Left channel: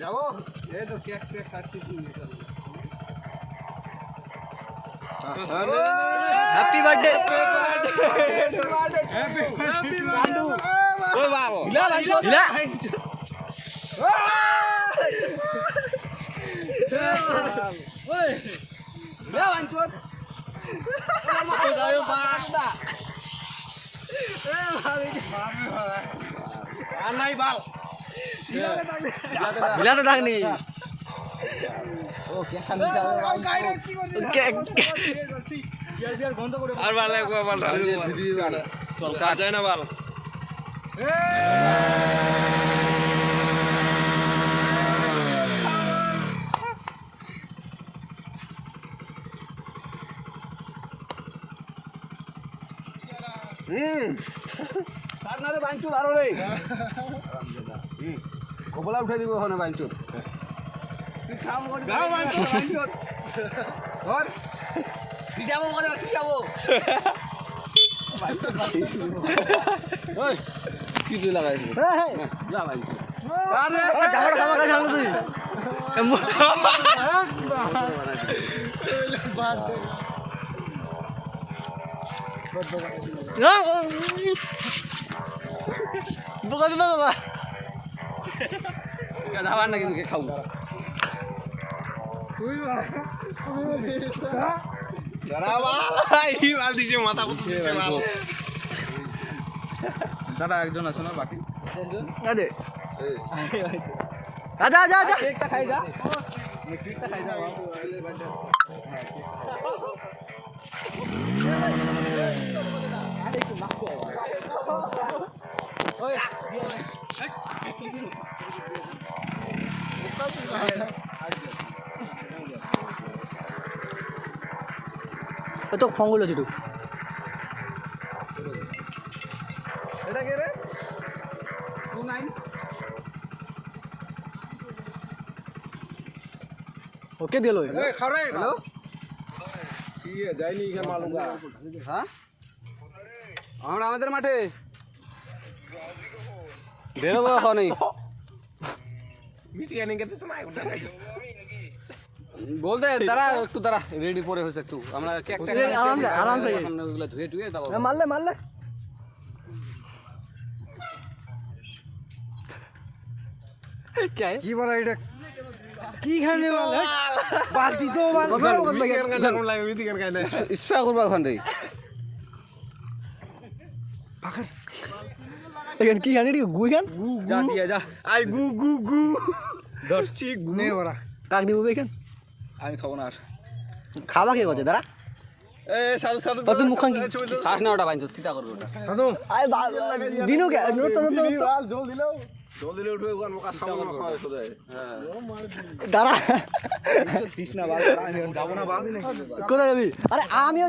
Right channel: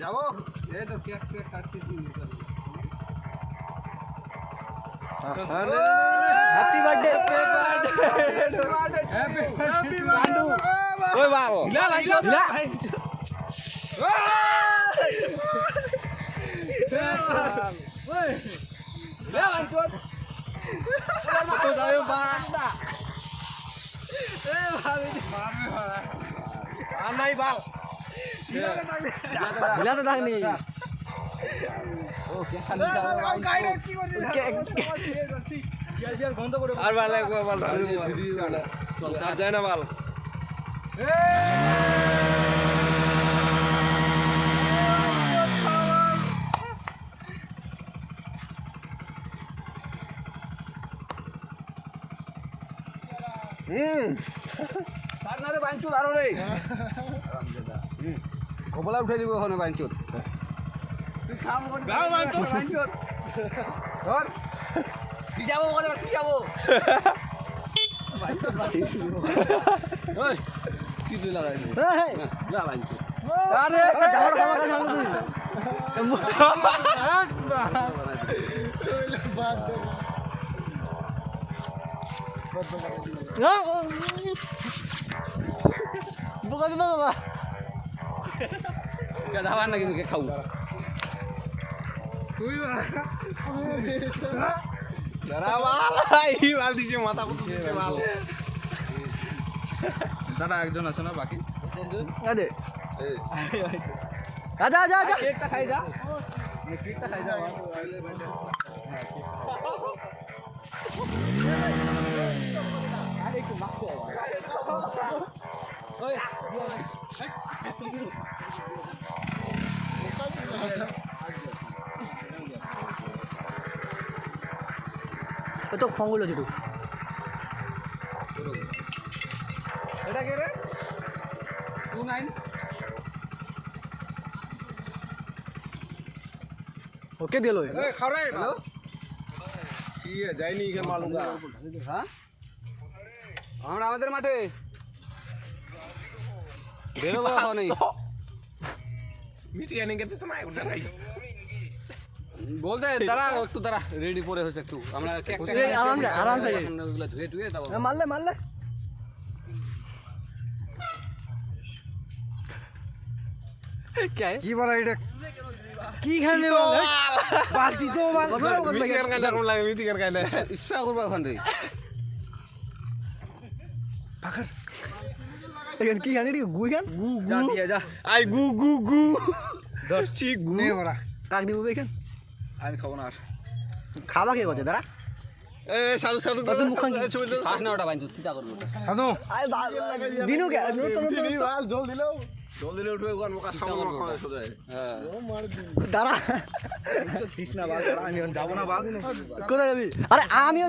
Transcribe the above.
যাবো এই তো কেক কেক কাটছি হ্যাপি বার্থডে হ্যাপি বার্থডে ওই বাবা হিলা ভাই হিলা ওই হিলা আনছো হিলা তো থাকনি আর ভালো লাগবে ভালো কার যায় না ভালো তার না রে বাইঞ্চুর আরো রে কবলা উঠে দিব ওখানে বাইঞ্চুর তুই খাম করে গাও বাইঞ্চুর ধর তুই যাবো ওখানে তুই যাবো ওই কি তুই লাগাইছিস না বাইঞ্চুর আরে জামাটা জামা কাছে আনলো তুই বোকা দিল দাদা যাবার না কিন্তু খাবো দাদা একজন আছে না বাকি আরে আজা আজা আজা কেকটা খাই যা কেকটা খাই যা আরে একটু মাখো ওই ও তো ফঙ্গুল দুটো এটা কে রে 29 ওকে দিল হ্যালো যাইনি হ্যাঁ আমরা আমাদের মাঠে বেরোবো এখনই বলতে দাঁড়া একটু দাঁড়া রেডি করে হয়েছে একটু আমরা আরামসে ওগুলো ধুয়ে ধুয়ে যাবো মারলে মারলে কি বলা এটা কি খানে মারলে বালতি তো স্প্রে করবো ওখান থেকে পাখার এখান কি খানে গুই খান যা দিয়ে যা আই গু গু গু ধরছি গু নে ওরা কাক দিব এখান আমি খাবো না আর খাবা কে করছে দাঁড়া এ সাধু সাধু তুই মুখ খান খাস না ওটা বাইঞ্চ চিন্তা করবো সাধু আয় দিনও কে জল দিলে উঠবে গরম কাজ খাবো না খাওয়া সোজা হ্যাঁ দাঁড়া দিস না বাল আমি যাবো না বাল কোথায় যাবি আরে আমিও